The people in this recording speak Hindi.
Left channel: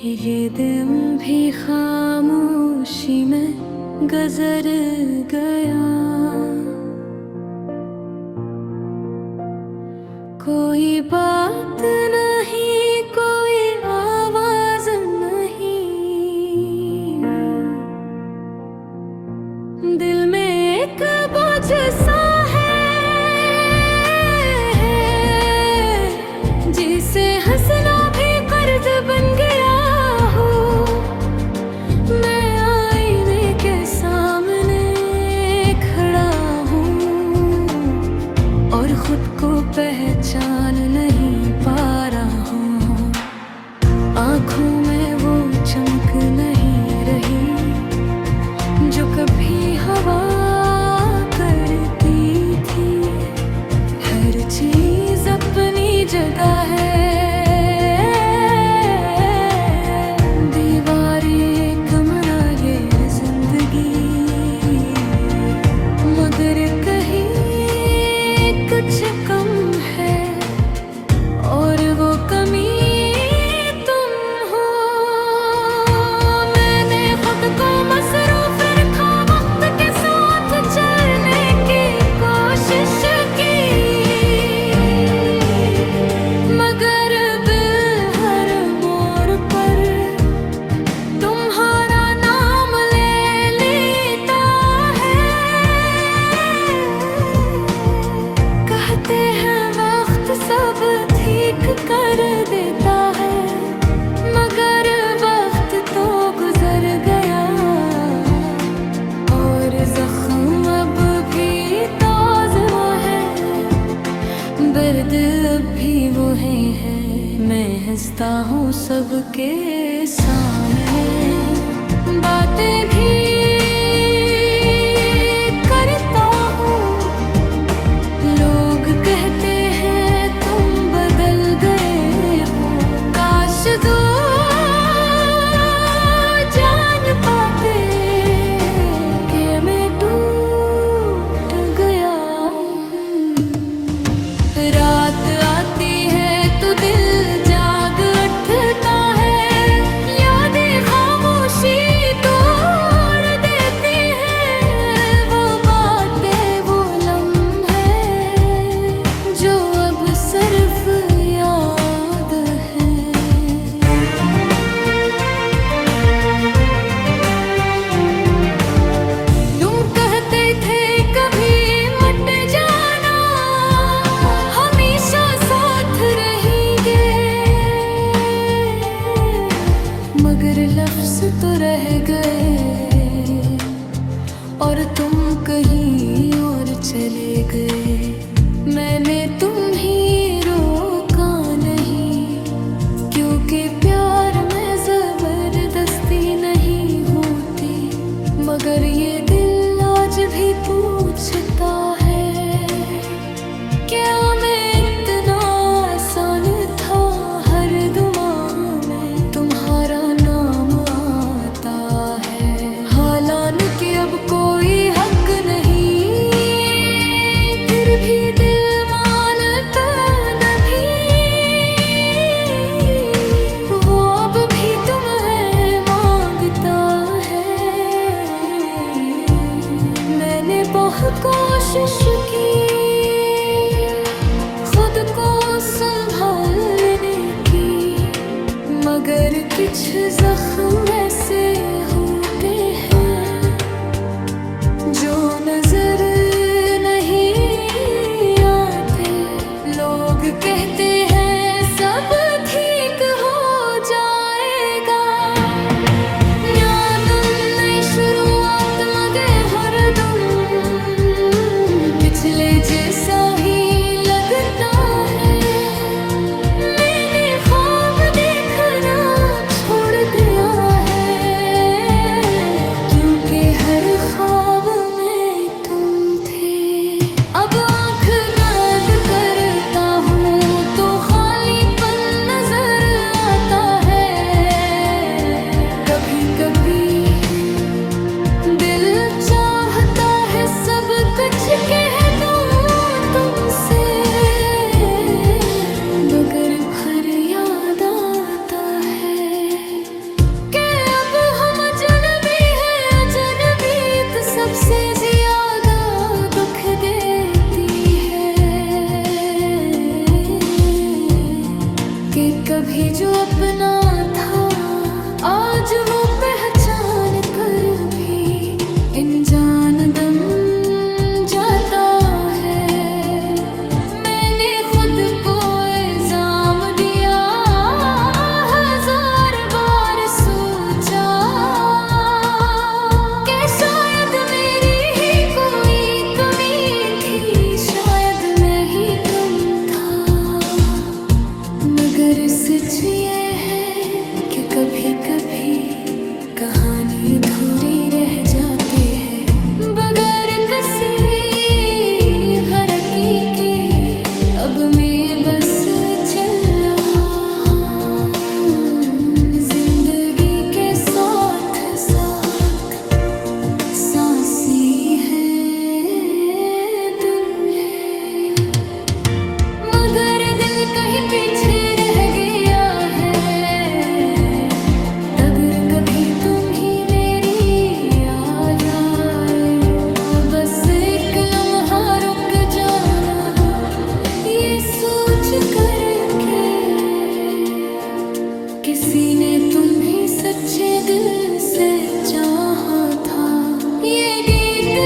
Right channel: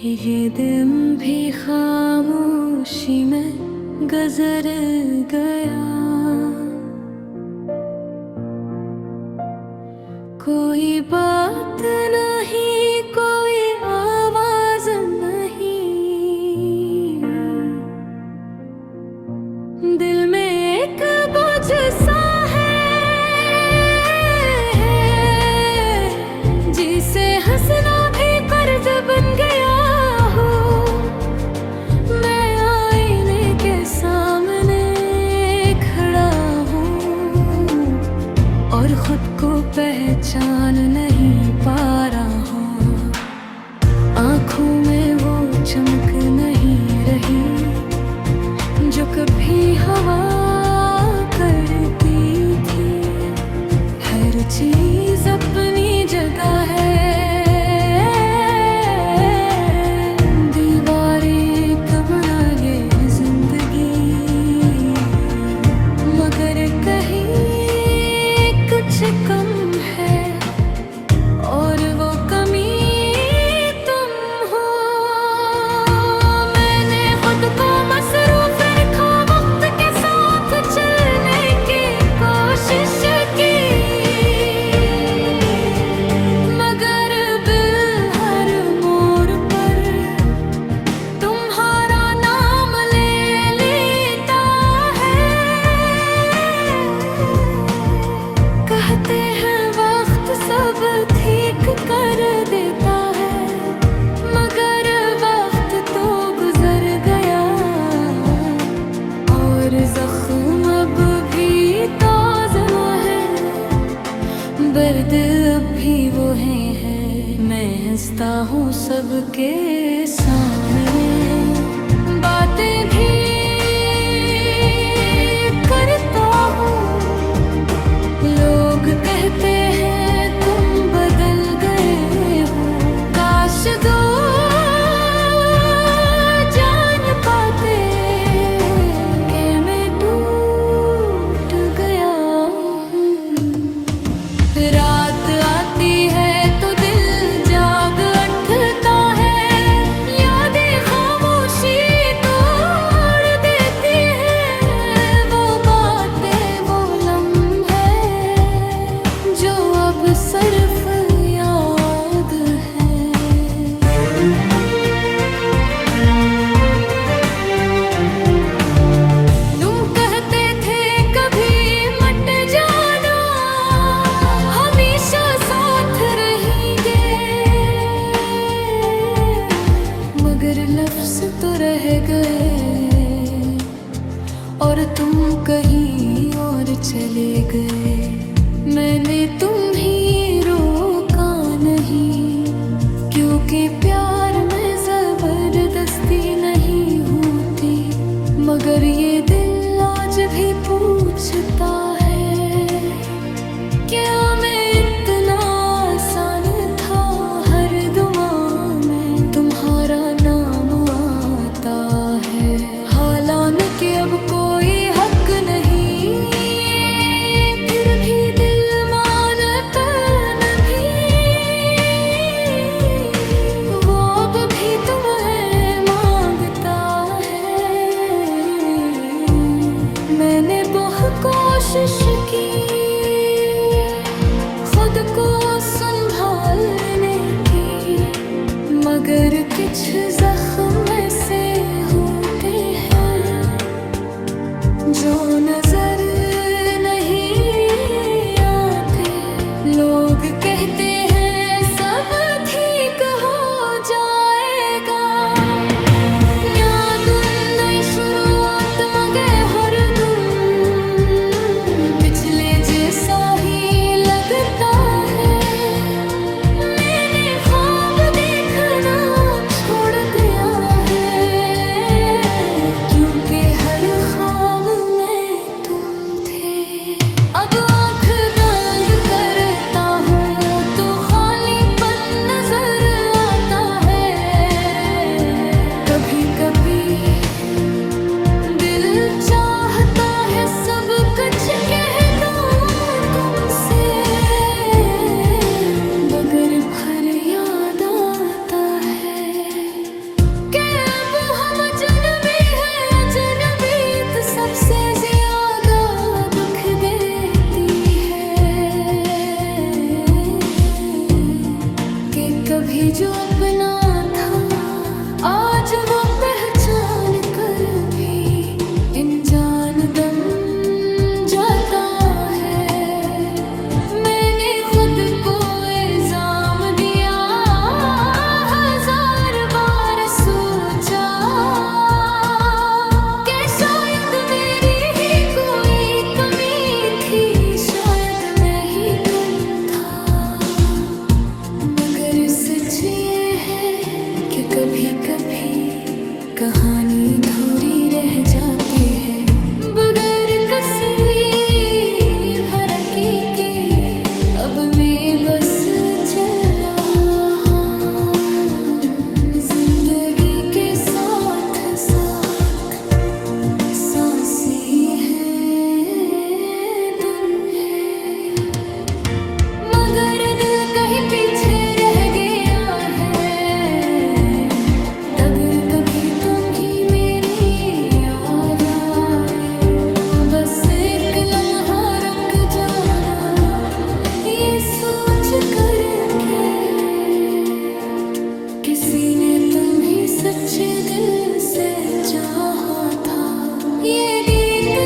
ये दिन भी खामोशी में गुजर गया। कोई बात नहीं, कोई आवाज नहीं, दिल में एक बोझ सा है जिसे हंसना भी कर्ज बन गया हो। मैं आईने के सामने खड़ा हूँ और खुद को पहचान नहीं पा रहा हूँ। आँखों में वो चमक नहीं रही जो कभी हवा करती थी। हर चीज अपनी जगह है, दीवारें कमरा ये जिंदगी, मगर कहीं कुछ कम है और वो कमी तुम हो। मैंने खुद को मसरूफ रखा, वक्त के साथ चलने की कोशिश की, मगर हर मोड़ पर तुम्हारा नाम ले लेता है। कहते हैं वक्त सब ठीक कर देता है, मगर वक्त तो गुजर गया और जख्म अब भी ताज़ा है, दर्द अब भी वो है। मैं हंसता हूँ सबके सामने, बातें भी करता हूँ। लोग कहते हैं तुम बदल गए हो, काश दो जान पाते कि मैं टूट गया हूँ। रात आती है तो दिल जाग उठता है, यादें खामोशी तोड़ देती है। वो बातें, वो लम्हे जो अब सिर्फ याद है। तुम कहते थे कभी मत जाना, हमेशा साथ रहेंगे, मगर लफ्ज तो रह गए और तुम कहीं और चले गए। मैंने तुम्हें रोका नहीं, क्योंकि प्यार में जबरदस्ती नहीं होती, मगर ये दिल आज भी पूछता है क्या मैं इतना आसान था। हर दुआ में तुम्हारा नाम आता है, हालांकि अब कोई हक नहीं, फिर भी दिल मानता नहीं। वो अब भी तुम्हें मांगता है। मैंने बहुत कोशिश की खुद को संभालने की, मगर कुछ जख्म ऐसे होते हैं जो नजर नहीं आते। लोग कहते हैं सब ठीक हो जाएगा, यादुन नई शुरुआत मगे हर दुम पिछले जैसा ही लगता है। मैंने ख्वाब देखना छोड़ दिया है, क्योंकि हर ख्वाब में तुम थे। अब आँख बंद करता हूँ तो जो अपना था, आज वो पहचान कर भी अनजान दम जाता है। मैंने खुद को इल्जाम दिया, हजार बार सोचा कि शायद मेरी ही कोई कमी थी, शायद मैं ही कम था। मगर सच ये है कि कभी कभी कहानी अधूरी रह जाती है, बगैर किसी फर्क के। अब मैं बस चल रहा हूँ जिंदगी के साथ साथ, सांसें हैं दिन है, मगर दिल कहीं पीछे रह गया है। अगर कभी तुम ही मेरी याद आए तो बस एक लम्हा रुक जाना, ये सोच कर के किसी ने तुम ही सच्चे दिल से चाहा था। ये गीत